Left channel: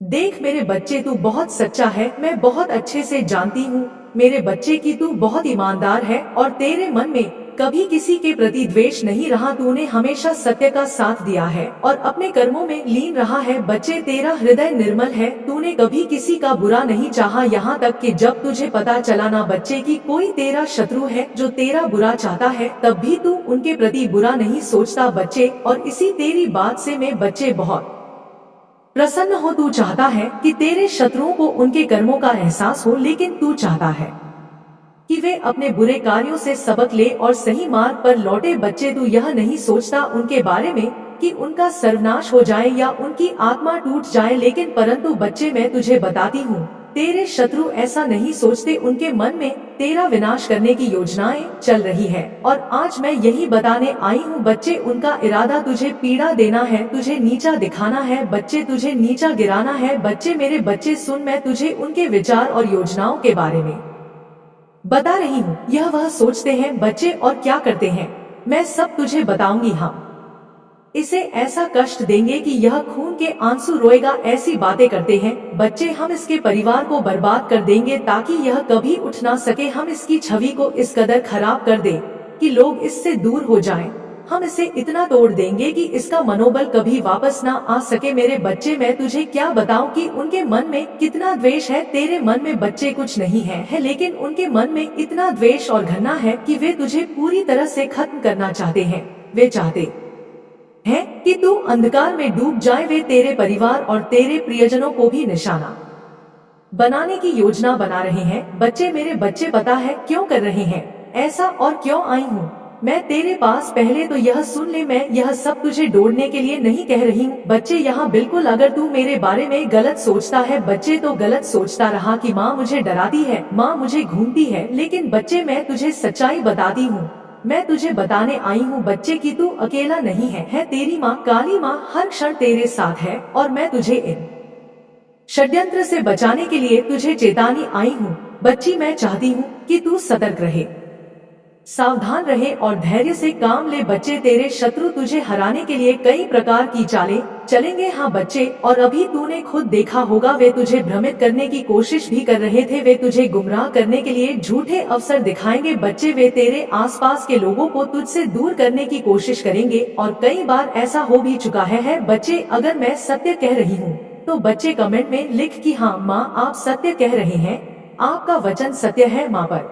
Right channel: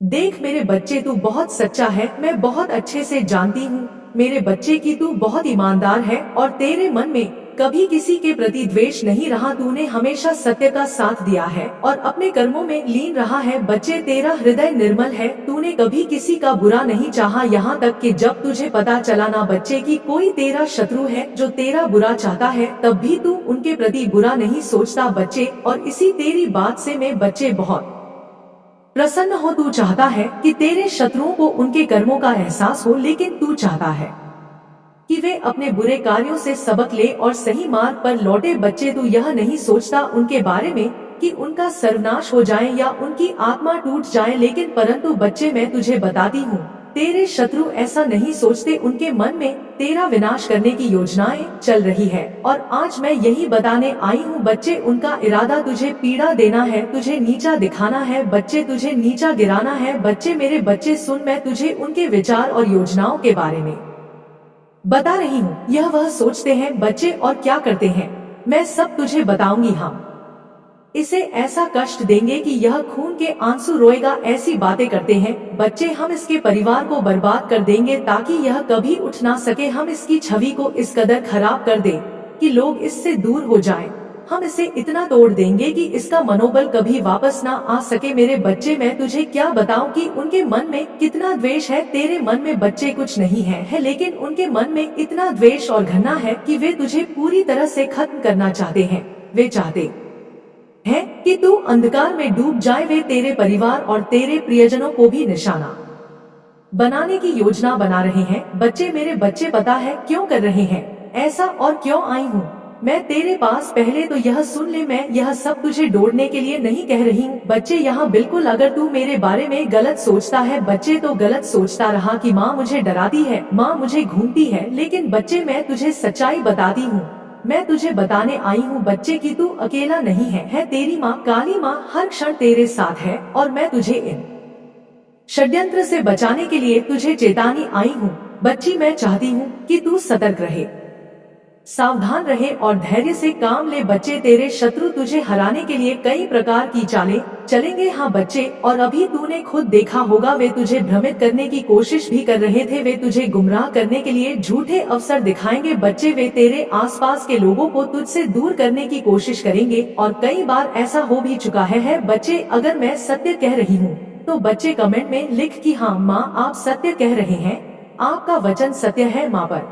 देख मेरे बच्चे, तू बहुत सच्चा है, मैं बहुत अच्छे से जानती हूँ मेरे बच्चे की तू बहुत ईमानदार है और तेरे मन में कभी किसी के प्रति द्वेष नहीं रहा। तूने हमेशा सत्य का साथ दिया है और अपने कर्मों में लीन रहा है। बच्चे, तेरा हृदय निर्मल है, तूने कभी किसी का बुरा नहीं चाहा, यहाँ तक कि जब तुझे पता चला ना बच्चे कि कोई तेरा शत्रु है जो तेरा बुरा चाहता है, तब भी तू उनके प्रति बुरा नहीं सोचता बच्चे। और इसी तेरी बात से मैं बच्चे बहुत प्रसन्न हो। तू चाहता है कि तेरे शत्रुओं को उनके कर्मों का एहसास हो, लेकिन तू चाहता है कि वे अपने बुरे कार्यों से सबक ले और सही मार्ग पर लौटे। बच्चे, तू यह नहीं सोचता उनके बारे में कि उनका सर्वनाश हो जाए या उनकी आत्मा टूट जाए, लेकिन परंतु बच्चे मैं तुझे बताती हूँ, तेरे शत्रु ऐसा नहीं सोचते। उनके मन में तेरा विनाश करने की योजनाएं चल रही है और आज मैं यही बताने आई हूँ बच्चे, उनका इरादा तुझे पीड़ा देना है, तुझे नीचा दिखाना है बच्चे, तुझे नीचा गिराना है। बच्चे, मेरे बच्चे सुन, मैं तुझे उनके विचार और योजनाओं के बारे में बता रही हूँ। यह वह सोचते हैं बच्चे और क्या करते हैं, मैं सब तुझे बताऊंगी। हम इसे ऐसा कष्ट देंगे कि यह खून के आंसू रोएगा। ऐसी बातें करते हैं बच्चे, हम इसके परिवार को बर्बाद कर देंगे ताकि यह कभी उठ ना सके। हम इसकी छवि को इस कदर खराब कर दे कि लोग इससे दूर हो जाएं। हम इसे इतना तोड़ देंगे कि इसका मनोबल कभी वापस ना आ सके। मेरे बच्चे, मैं तुझे क्या बताऊं कि उनके मन में कितना द्वेष है। तेरे मन में बच्चे कुछ नहीं है, लेकिन उनके मन में इतना द्वेष और घृणा है कि वे तुझे पूरी तरह से खत्म करना चाहते हैं। वे चाहते हैं कि तू अंधकार में डूब जाए। वे तेरे परिवार और तेरे प्रियजनों को भी निशाना बनाने की योजना बना रहे हैं। बच्चे, मेरे बच्चे, पता है क्यों कर रहे हैं ऐसा और क्यों आई हूँ मैं तेरे पास? पहले तो यह सुन ले, मैं यह सब तुझे डोड़ने के लिए नहीं कह रही हूँ बच्चे। यहाँ बिल्कुल, अगर तू मेरे बारे में गलत सोचता है बच्चे, तो गलत सोचता रहा कि माँ मुझे डराती है, माँ मुझे घूमती है, लेकिन बच्चे मैं तुझे सच्चाई बताती हूँ। मैं तुझे बताने आई हूँ बच्चे कि तू अकेला नहीं है तेरी माँ काली माँ हर क्षण तेरे साथ है और मैं तुझे इन षड्यंत्र से बचाने के लिए तुझे चेतानी आई हूँ। बच्ची, मैं चाहती हूँ कि तू सतर्क रहे, सावधान रहे और धैर्य से काम ले। बच्चे, तेरे शत्रु तुझे हराने के लिए कई प्रकार की चालें चलेंगे। हाँ बच्चे, और अभी तूने खुद देखा होगा, वे तुझे भ्रमित करने की कोशिश भी कर रहे थे। वे तुझे गुमराह करने के लिए झूठे अवसर दिखाएंगे बच्चे। वे तेरे आसपास के लोगों को तुझसे दूर करने की कोशिश करेंगे और कई बार ऐसा हो भी चुका है बच्चे। अगर मैं सत्य कह रही हूँ तो बच्चे कमेंट में लिख कि हाँ माँ, आप सत्य कह रहे हैं, आपका वचन सत्य है माँ। पर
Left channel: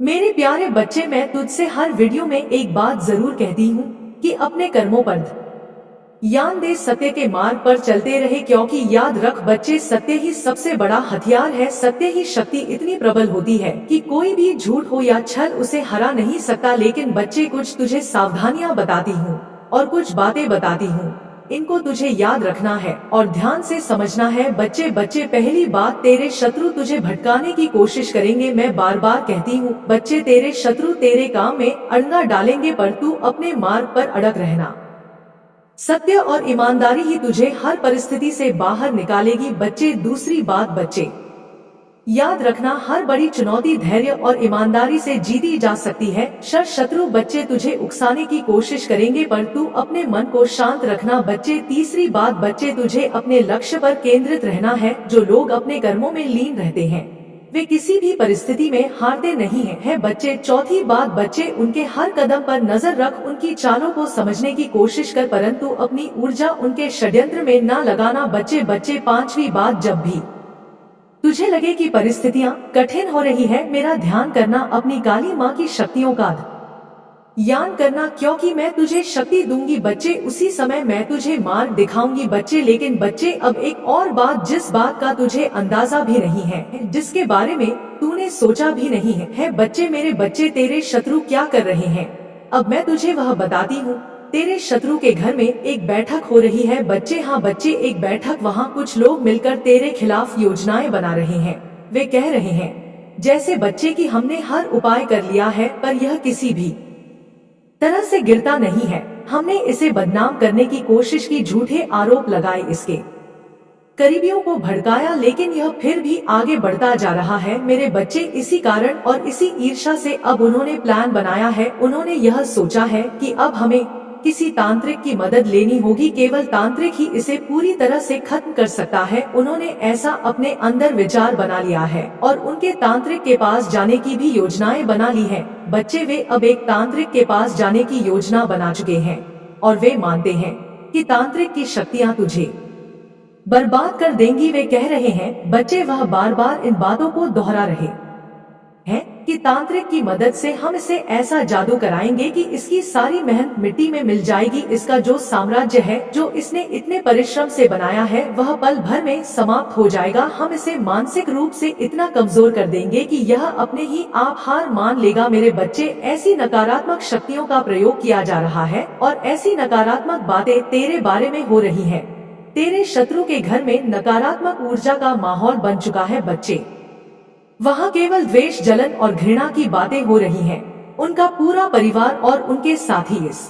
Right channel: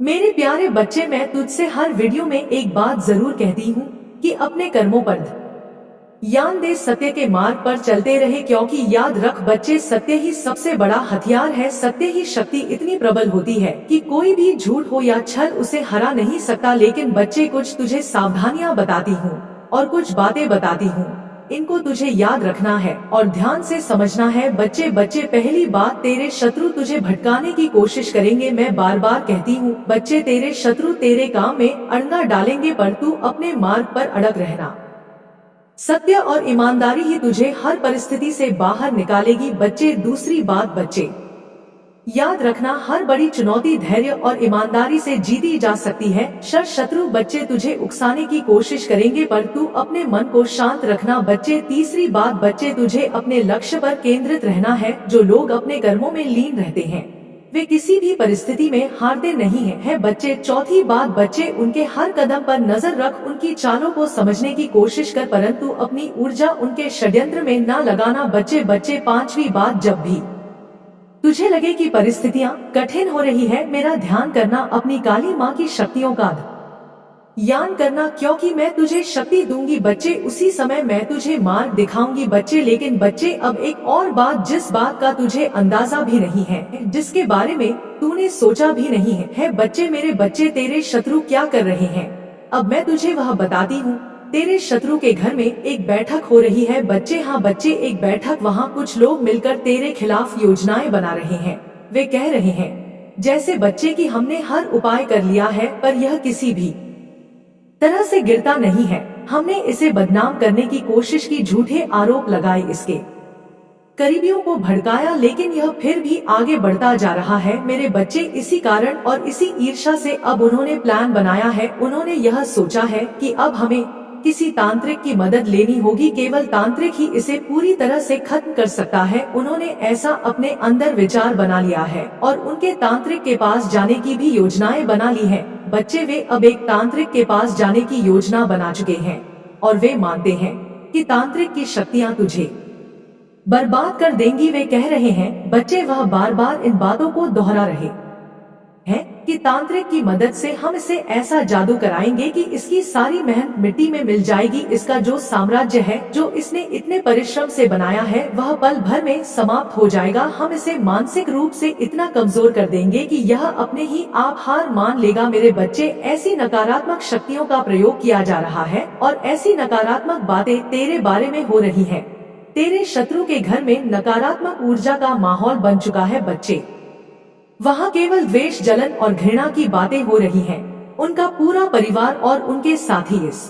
मेरे प्यारे बच्चे, मैं तुझसे हर वीडियो में एक बात जरूर कहती हूँ कि अपने कर्मों पर ध्यान दे, सत्य के मार्ग पर चलते रहे, क्योंकि याद रख बच्चे, सत्य ही सबसे बड़ा हथियार है। सत्य ही शक्ति इतनी प्रबल होती है कि कोई भी झूठ हो या छल उसे हरा नहीं सकता। लेकिन बच्चे, कुछ तुझे सावधानियां बताती हूँ और कुछ बातें बताती हूँ, इनको तुझे याद रखना है और ध्यान से समझना है बच्चे। पहली बात, तेरे शत्रु तुझे भटकाने की कोशिश करेंगे। मैं बार बार कहती हूँ बच्चे, तेरे शत्रु तेरे काम में अड़ंगा डालेंगे, पर तू अपने मार्ग पर अड़ग रहना। सत्य और ईमानदारी ही तुझे हर परिस्थिति से बाहर निकालेगी बच्चे। दूसरी बात बच्चे, याद रखना, हर बड़ी चुनौती धैर्य और ईमानदारी से जीती जा सकती है। शत्रु बच्चे तुझे उकसाने की कोशिश करेंगे, पर तू अपने मन को शांत रखना बच्चे। तीसरी बात बच्चे, तुझे अपने लक्ष्य पर केंद्रित रहना है। जो लोग अपने कर्मों में लीन रहते हैं वे किसी भी परिस्थिति में हारते नहीं है बच्चे। चौथी बात बच्चे, उनके हर कदम पर नजर रख, उनकी चालों को समझने की कोशिश कर, परंतु अपनी ऊर्जा उनके षड्यंत्र में न लगाना बच्चे। पांचवी बात, जब भी तुझे लगे कि परिस्थितियां कठिन हो रही है, मेरा ध्यान करना, अपनी काली माँ की शक्तियों का ध्यान करना, क्योंकि मैं तुझे शक्ति दूंगी बच्चे। उसी समय मैं तुझे मार्ग दिखाऊंगी बच्चे। लेकिन बच्चे, अब एक और बात, जिस बात का तुझे अंदाजा भी नहीं है, जिसके बारे में तूने सोचा भी नहीं है बच्चे, मेरे बच्चे, तेरे शत्रु क्या कर रहे हैं, अब मैं तुझे वह बताती हूँ। तेरे शत्रु के घर में एक बैठक हो रही है बच्चे। हाँ बच्चे, एक बैठक, वहाँ कुछ लोग मिलकर तेरे खिलाफ योजनाएं बना रहे हैं। वे कह रहे हैं जैसे बच्चे कि हमने हर उपाय कर लिया है, पर यह किसी भी तरह से गिरता नहीं है। हमने इसे बदनाम करने की कोशिश की, झूठे आरोप लगाए, इसके करीबियों को भड़काया, लेकिन यह फिर भी आगे बढ़ता जा रहा है मेरे बच्चे। इसी कारण और इसी ईर्ष्या से अब उन्होंने प्लान बनाया है। उन्होंने यह सोचा है कि अब हमें किसी तांत्रिक की मदद लेनी होगी, केवल तांत्रिक ही इसे पूरी तरह से खत्म कर सकता है। उन्होंने ऐसा अपने अंदर विचार बना लिया है और उनके तांत्रिक के पास जाने की भी योजनाएं बना ली हैं। बच्चे, वे अब एक तांत्रिक के पास जाने की योजना बना चुके हैं और वे मानते हैं कि तांत्रिक की शक्तियां तुझे बर्बाद कर देंगी। वे कह रहे हैं बच्चे, वह बार बार इन बातों को दोहरा रहे हैं कि तांत्रिक की मदद से हम इसे ऐसा जादू कराएंगे कि इसकी सारी मेहनत मिट्टी में मिल जाएगी। इसका जो साम्राज्य है, जो इसने इतने परिश्रम से बनाया है, वह पल भर में समाप्त हो जाएगा। हम इसे मानसिक रूप से इतना कमजोर कर देंगे कि यह अपने ही आप हार मान लेगा। मेरे बच्चे, ऐसी नकारात्मक शक्तियों का प्रयोग किया जा रहा है और ऐसी नकारात्मक बातें तेरे बारे में हो रही है। तेरे शत्रु के घर में नकारात्मक ऊर्जा का माहौल बन चुका है। बच्चे, वहाँ केवल द्वेष, जलन और घृणा की बातें हो रही हैं। उनका पूरा परिवार और उनके साथी इस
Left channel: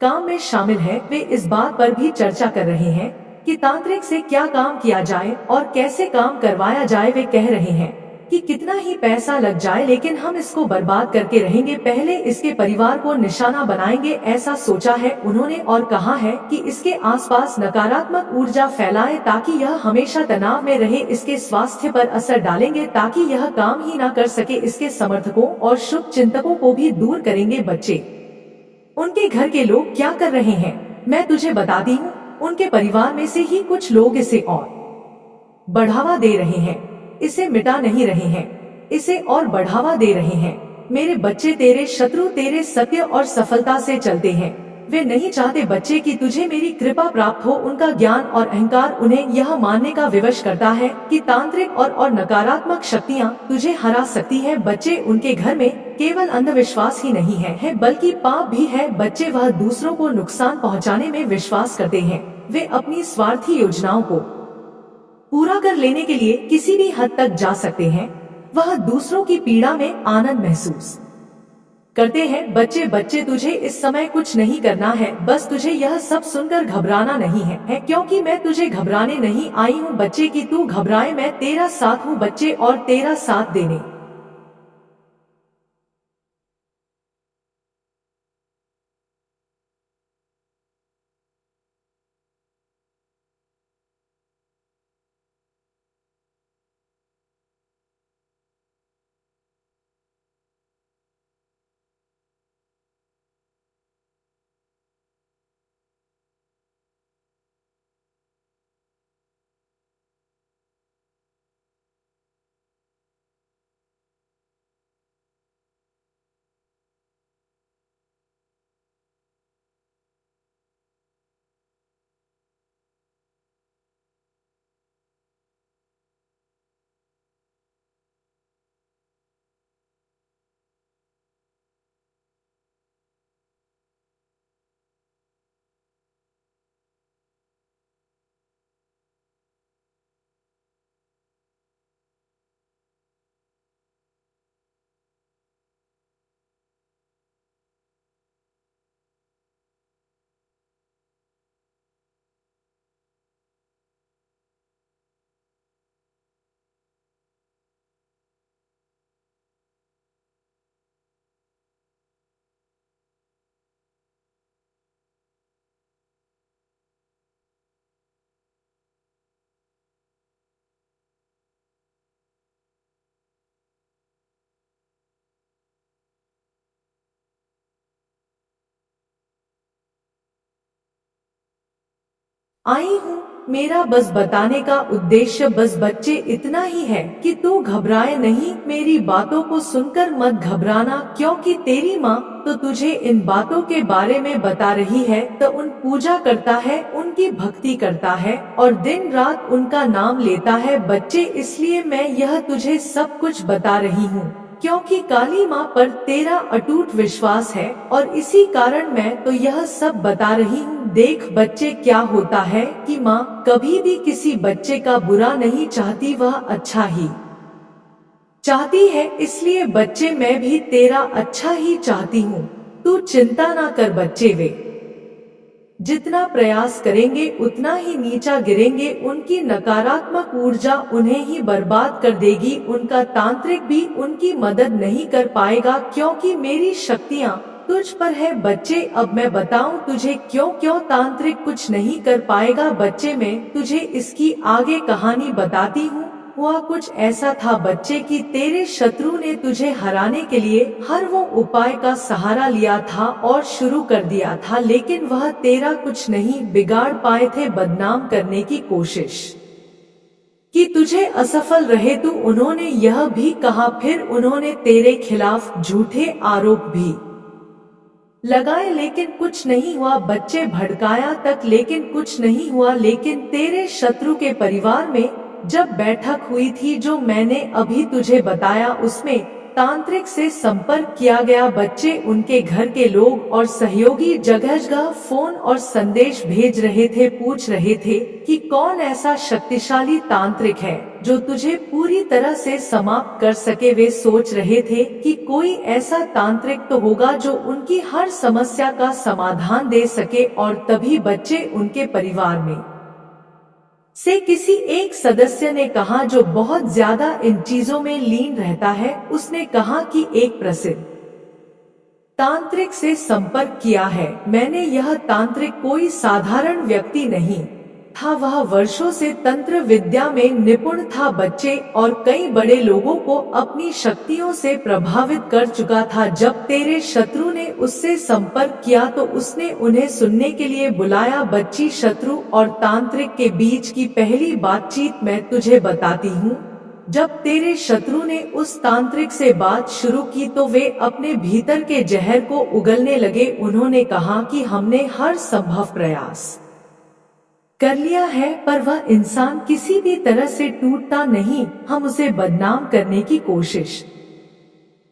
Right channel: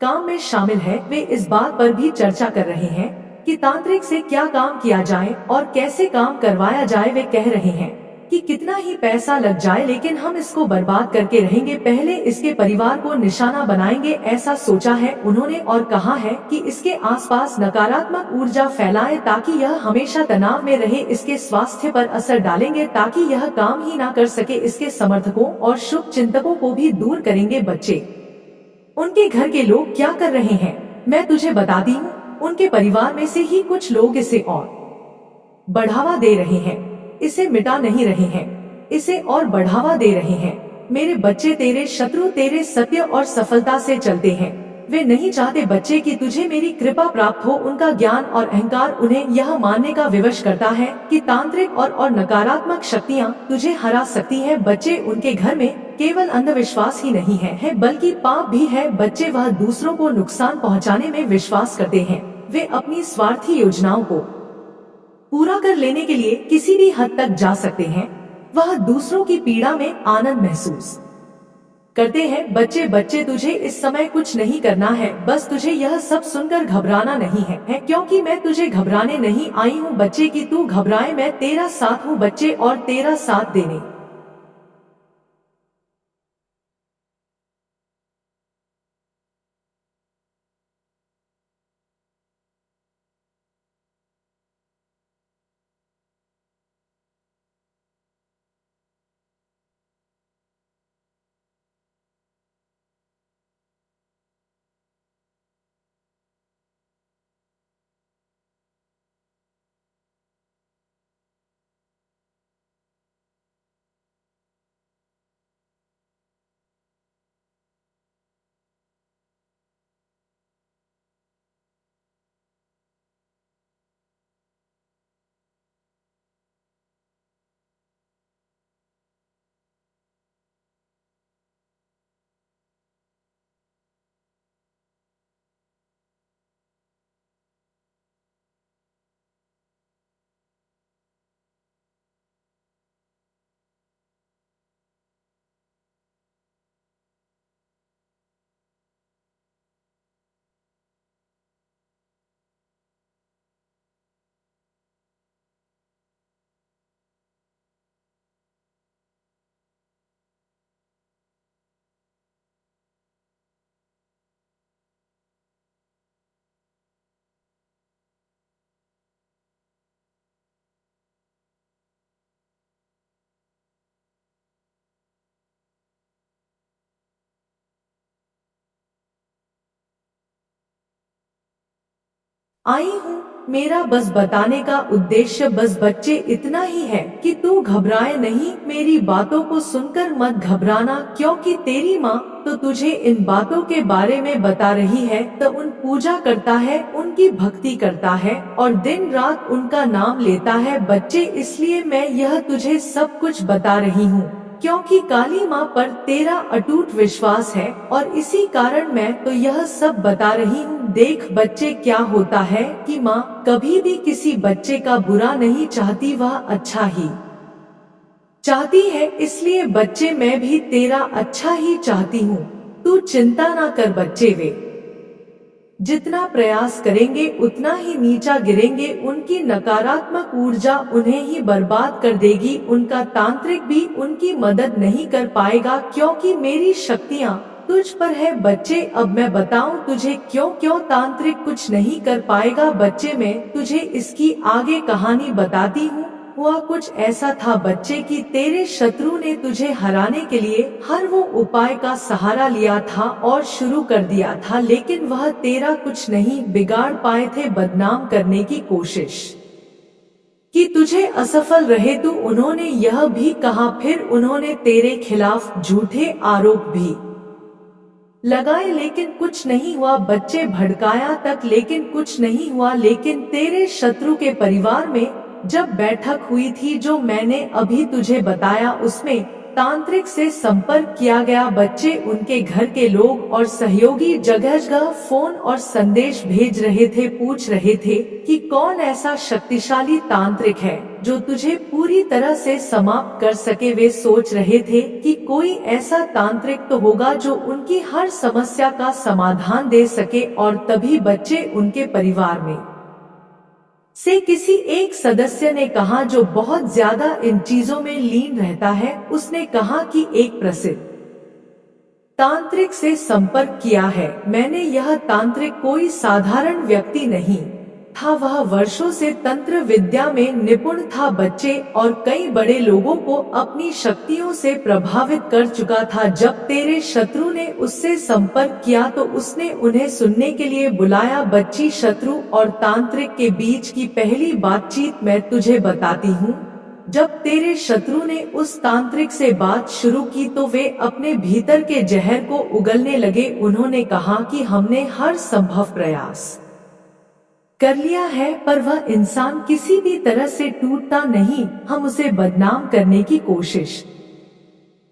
काम में शामिल है। वे इस बात पर भी चर्चा कर रहे हैं कि तांत्रिक से क्या काम किया जाए और कैसे काम करवाया जाए। वे कह रहे हैं कि कितना ही पैसा लग जाए, लेकिन हम इसको बर्बाद करके रहेंगे। पहले इसके परिवार को निशाना बनाएंगे, ऐसा सोचा है उन्होंने। और कहा है कि इसके आसपास नकारात्मक ऊर्जा फैलाएं ताकि यह हमेशा तनाव में रहे। इसके स्वास्थ्य पर असर डालेंगे ताकि यह काम ही ना कर सके। इसके समर्थकों और शुभ चिंतकों को भी दूर करेंगे। बच्चे, उनके घर के लोग क्या कर रहे हैं मैं तुझे बताती हूँ। उनके परिवार में से ही कुछ लोग इसे और बढ़ावा दे रहे हैं, इसे मिटा नहीं रहे हैं, इसे और बढ़ावा दे रहे हैं। मेरे बच्चे, तेरे शत्रु तेरे सत्य और सफलता से चलते हैं। वे नहीं चाहते बच्चे कि तुझे मेरी कृपा प्राप्त हो। उनका ज्ञान और अहंकार उन्हें यह मानने का विवश करता है कि तांत्रिक और नकारात्मक शक्तियाँ तुझे हरा सकती है। बच्चे, उनके घर में केवल अंधविश्वास ही नहीं है बल्कि पाप भी है। बच्चे, वह दूसरों को नुकसान पहुँचाने में विश्वास करते हैं। वे अपनी स्वार्थी योजनाओं को पूरा कर लेने के लिए किसी भी हद तक जा सकते हैं। वह दूसरों की पीड़ा में आनंद महसूस करते हैं। बच्चे, तुझे इस समय कुछ नहीं करना है। बस तुझे यह सब सुनकर घबराना नहीं है क्योंकि मैं तुझे घबराने नहीं आई हूँ। बच्चे, कि तू घबराए, मैं तेरा साथ हूँ बच्चे, और तेरा साथ देने आई हूँ। मेरा बस बताने का उद्देश्य बस बच्चे इतना ही है कि तू घबराए नहीं। मेरी बातों को सुनकर मत घबराना, क्योंकि तेरी माँ तो तुझे इन बातों के बारे में बता रही है। तो उन पूजा करता है, उनकी भक्ति करता है और दिन रात उनका नाम लेता है। बच्चे, इसलिए मैं यह तुझे सब कुछ बता रही हूँ क्योंकि काली माँ पर तेरा अटूट विश्वास है और इसी कारण मैं तो यह सब बता रही हूँ। देख बच्चे, क्या होता है कि माँ कभी भी किसी बच्चे का बुरा नहीं चाहती, वह अच्छा ही चाहती है। इसलिए बच्चे, मैं भी तेरा अच्छा ही चाहती हूँ। तू चिंता ना कर बच्चे, वे जितना प्रयास करेंगे उतना ही नीचा गिरेंगे। उनकी नकारात्मक ऊर्जा उन्हें ही बर्बाद कर देगी। उनका तांत्रिक भी उनकी मदद नहीं कर पाएगा क्योंकि मेरी शक्तियाँ तुझ पर है बच्चे। अब मैं बताऊं तुझे क्यों क्यों तांत्रिक कुछ नहीं कर पाएगा बच्चे। मैं तुझे इसकी आगे कहानी बताती हूँ। हुआ कुछ ऐसा था बच्चे कि तेरे शत्रु ने तुझे हराने के लिए हर वो उपाय का सहारा लिया था और शुरू कर दिया था, लेकिन वह तेरा कुछ नहीं बिगाड़ पाए थे। बदनाम करने की कोशिश कि तुझे असफल रहे तू, उन्होंने यह भी कहा। फिर उन्होंने तेरे खिलाफ झूठे आरोप भी लगाए, लेकिन कुछ नहीं हुआ बच्चे। भड़काया तक लेकिन कुछ नहीं हुआ। लेकिन तेरे शत्रु के परिवार में जब बैठक हुई थी जो मैंने अभी तुझे बताया, उसमें तांत्रिक से संपर्क किया गया बच्चे। उनके घर के लोग और सहयोगी जगह जगह फोन और संदेश भेज रहे थे, पूछ रहे थे कि कौन ऐसा शक्तिशाली तांत्रिक है जो तुझे पूरी तरह से समाप्त कर सके। वे सोच रहे थे कि कोई ऐसा तांत्रिक तो होगा जो उनकी हर समस्या का समाधान दे सके। और तभी बच्चे उनके परिवार में से किसी एक सदस्य ने कहा, जो बहुत ज्यादा इन चीजों में लीन रहता है, उसने कहा कि एक प्रसिद्ध तांत्रिक से संपर्क किया है मैंने। यह तांत्रिक कोई साधारण व्यक्ति नहीं था, वह वर्षों से तंत्र विद्या में निपुण था बच्चे, और कई बड़े लोगों को अपनी शक्तियों से प्रभावित कर चुका था। जब तेरे शत्रु ने उससे संपर्क किया तो उसने उन्हें सुनने के लिए बुलाया। बच्ची, शत्रु और तांत्रिक के बीच की पहली बातचीत मैं तुझे बताती हूँ। जब तेरे शत्रु ने उस तांत्रिक से बात शुरू की तो वे अपने भीतर के जहर को उगलने लगे। उन्होंने कहा कि हमने हर संभव प्रयास कर लिया है, पर वह इंसान किसी भी तरह से टूटता नहीं। हम उसे बदनाम करने की कोशिश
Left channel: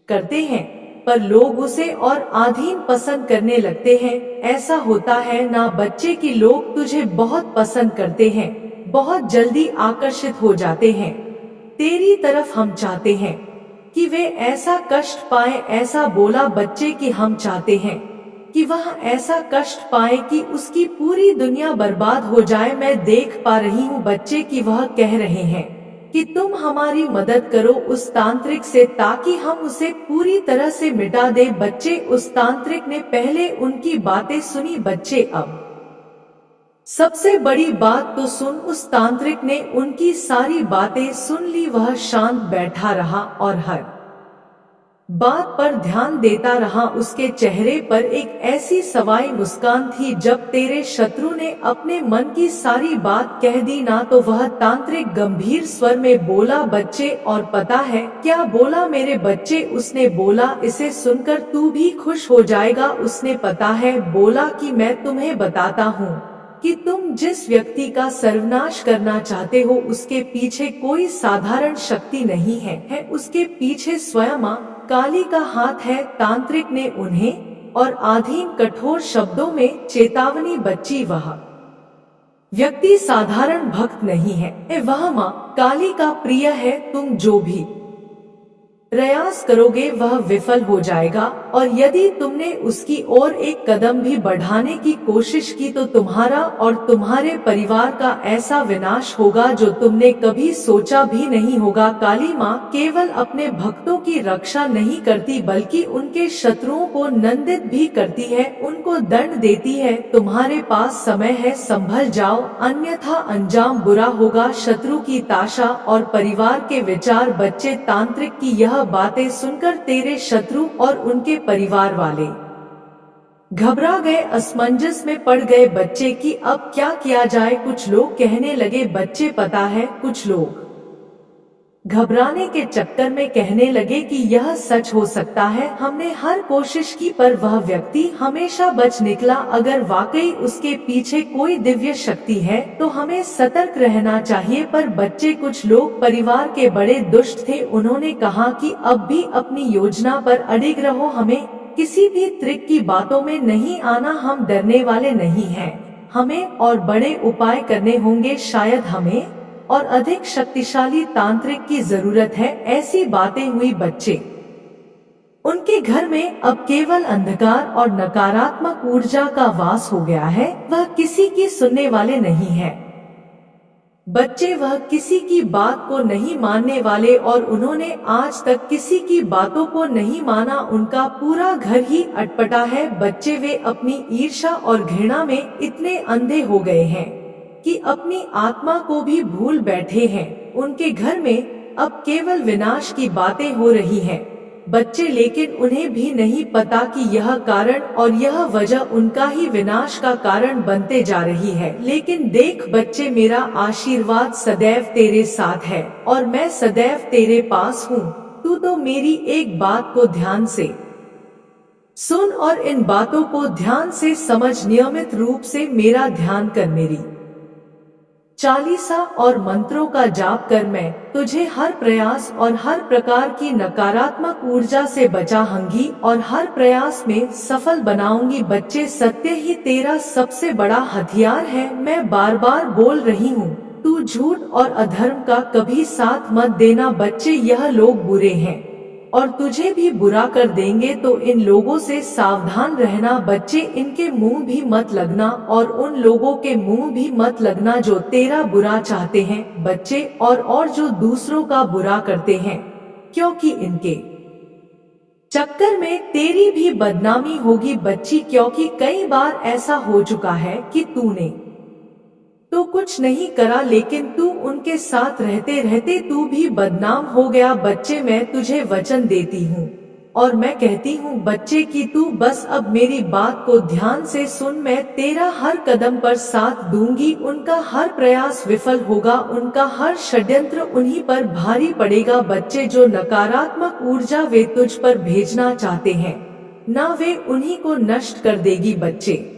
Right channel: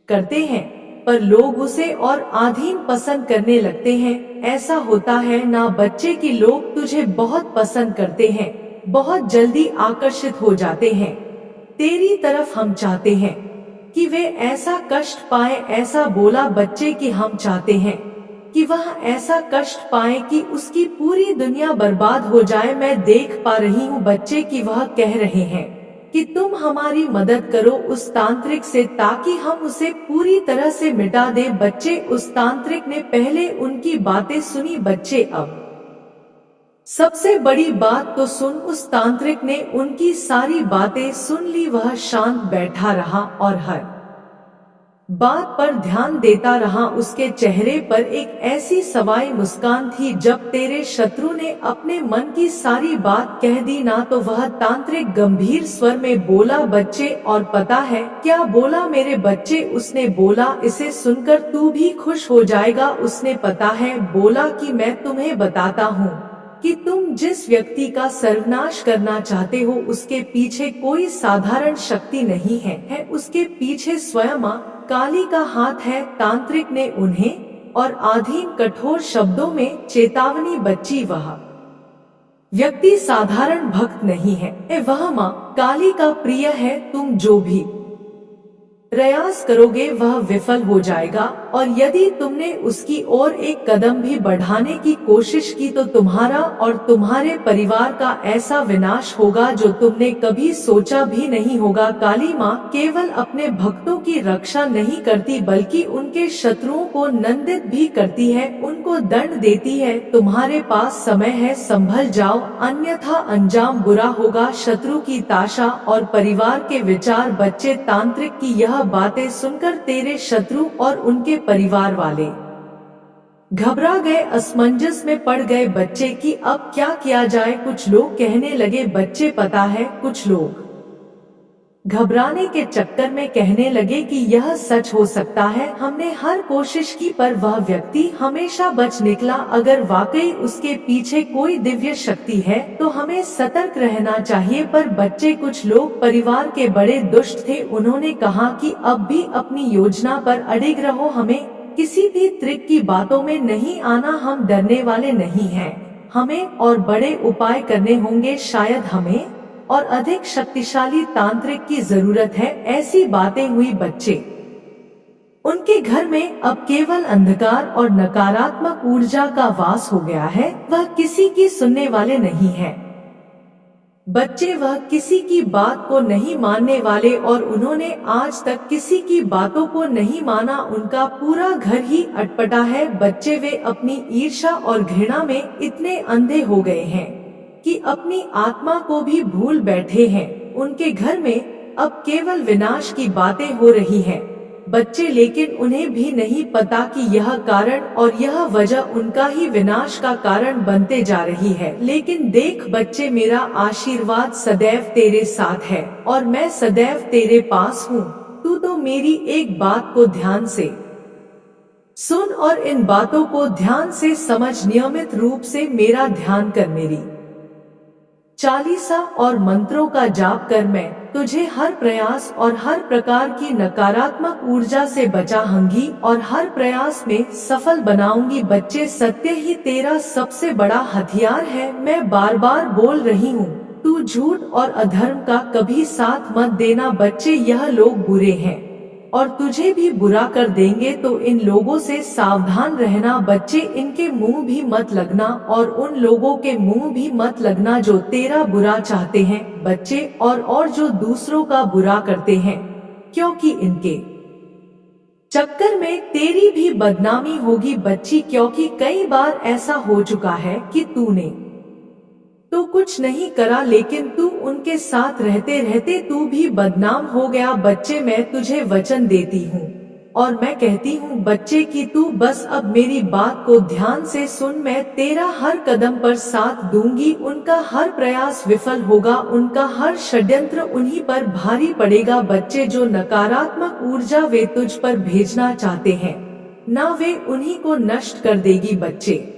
करते हैं, पर लोग उसे और अधीन पसंद करने लगते हैं। ऐसा होता है ना बच्चे कि लोग तुझे बहुत पसंद करते हैं, बहुत जल्दी आकर्षित हो जाते हैं तेरी तरफ। हम चाहते हैं कि वे ऐसा कष्ट पाए। ऐसा बोला बच्चे कि हम चाहते हैं कि वह ऐसा कष्ट पाए कि उसकी पूरी दुनिया बर्बाद हो जाए। मैं देख पा रही हूँ बच्चे कि वह कह रहे हैं कि तुम हमारी मदद करो उस तांत्रिक से, ताकि हम उसे पूरी तरह से मिटा दे। बच्चे, उस तांत्रिक ने पहले उनकी बातें सुनी बच्चे। अब सबसे बड़ी बात तो सुन। उस तांत्रिक ने उनकी सारी बातें सुन ली। वह शांत बैठा रहा और हर बात पर ध्यान देता रहा। उसके चेहरे पर एक ऐसी सवाई मुस्कान थी। जब तेरे शत्रु ने अपने मन की सारी बात कह दी ना, तो वह तांत्रिक गंभीर स्वर में बोला, बच्चे, और पता है क्या बोला मेरे बच्चे? उसने बोला, इसे सुनकर तू भी खुश हो जाएगा। उसने पता है बोला कि मैं तुम्हें बताता हूँ कि तुम जिस व्यक्ति का सर्वनाश करना चाहते हो उसके पीछे कोई साधारण शक्ति नहीं है उसके पीछे स्वयं मां काली का हाथ है। तांत्रिक ने उन्हें और अधीन कठोर शब्दों में चेतावनी, बच्ची, वह व्यक्ति साधारण भक्त नहीं है, वह मां काली का प्रिय है। तुम जो भी प्रयास करोगे वह विफल हो जाएगा, और यदि तुमने उसकी ओर एक कदम भी बढ़ाने की कोशिश की तो तुम्हारा और तुम्हारे परिवार का ऐसा विनाश होगा जो तुमने कभी सोचा भी नहीं होगा। काली मां केवल अपने भक्तों की रक्षा नहीं करती बल्कि उनके शत्रुओं को नंदित भी करती है, उनको दंड देती है। तुम्हारे पास समय है, संभल जाओ, अन्यथा अंजाम बुरा होगा। शत्रु की ताशा और परिवार के विचार। बच्चे, तांत्रिक की यह बातें सुनकर तेरे शत्रु और उनके परिवार वाले घबरा गए, असमंजस में पड़ गए बच्चे कि अब क्या किया जाए। कुछ लोग कहने लगे, बच्चे, पता है, कुछ लोग घबराने के चक्कर में कहने लगे कि यह सच हो सकता है, हमने हर कोशिश की पर वह व्यक्ति हमेशा बच निकला। अगर वाकई उसके पीछे कोई दिव्य शक्ति है तो हमें सतर्क रहना चाहिए। पर बच्चे, कुछ लोग परिवार के बड़े दुष्ट थे। उन्होंने कहा कि अब भी अपनी योजना पर अडिग रहो, हमें किसी भी त्रिक की बातों में नहीं आना, हम डरने वाले नहीं हैं, हमें और बड़े उपाय करने होंगे, शायद हमें और अधिक शक्तिशाली तांत्रिक की जरूरत है। ऐसी बातें हुई बच्चे। उनके घर में अब केवल अंधकार और नकारात्मक ऊर्जा का वास हो गया है, वह किसी की सुनने वाले नहीं है। बच्चे वह किसी की बात को नहीं मानने वाले और उन्होंने आज तक किसी की बातों को नहीं माना, उनका पूरा घर ही अटपटा है। बच्चे वे अपनी ईर्ष्या और घृणा में इतने अंधे हो गए हैं कि अपनी आत्मा को भी भूल बैठे हैं। उनके घर में अब केवल विनाश की बातें हो रही हैं। बच्चे, लेकिन उन्हें भी नहीं पता कि यह कारण और यह वजह उनका ही विनाश का कारण बनते जा रही है। लेकिन देख बच्चे, मेरा आशीर्वाद सदैव तेरे साथ है और मैं सदैव तेरे पास हूँ। तू तो मेरी एक बात को ध्यान से सुन और इन बातों को ध्यान से समझ। नियमित रूप से मेरा ध्यान कर, मेरी चालीसा और मंत्रों का जाप कर। मैं तुझे हर प्रयास और हर प्रकार की नकारात्मक ऊर्जा से बचाऊंगी और हर प्रयास में सफल बनाऊंगी। बच्चे, सत्य ही तेरा सबसे बड़ा हथियार है। मैं बार बार बोल रही हूँ, तू झूठ और अधर्म का कभी साथ मत देना। बच्चे, यह लोग बुरे हैं और तुझे भी बुरा कर देंगे, तो इन लोगों से सावधान रहना। बच्चे, इनके मुंह भी मत लगना और उन लोगों के मुंह भी मत लगना जो तेरा बुरा चाहते हैं। बच्चे, और जो दूसरों का बुरा करते हैं, क्योंकि इनके चक्कर में तेरी भी बदनामी होगी। बच्ची, क्योंकि कई बार ऐसा हो चुका है कि तूने तो कुछ नहीं करा, लेकिन तू उनके साथ रहते रहते तू भी बदनाम हो गया। बच्चे, मैं तुझे वचन देती हूँ और मैं कहती हूँ बच्चे कि तू बस अब मेरी बात को ध्यान से सुन। मैं तेरा हर कदम पर साथ दूंगी। उनका हर प्रयास विफल होगा, उनका हर षड्यंत्र उन्हीं पर भारी पड़ेगा। बच्चे, जो नकारात्मक ऊर्जा वे तुझ पर भेजना चाहते हैं ना, वे उन्हीं को नष्ट कर देगी। बच्चे,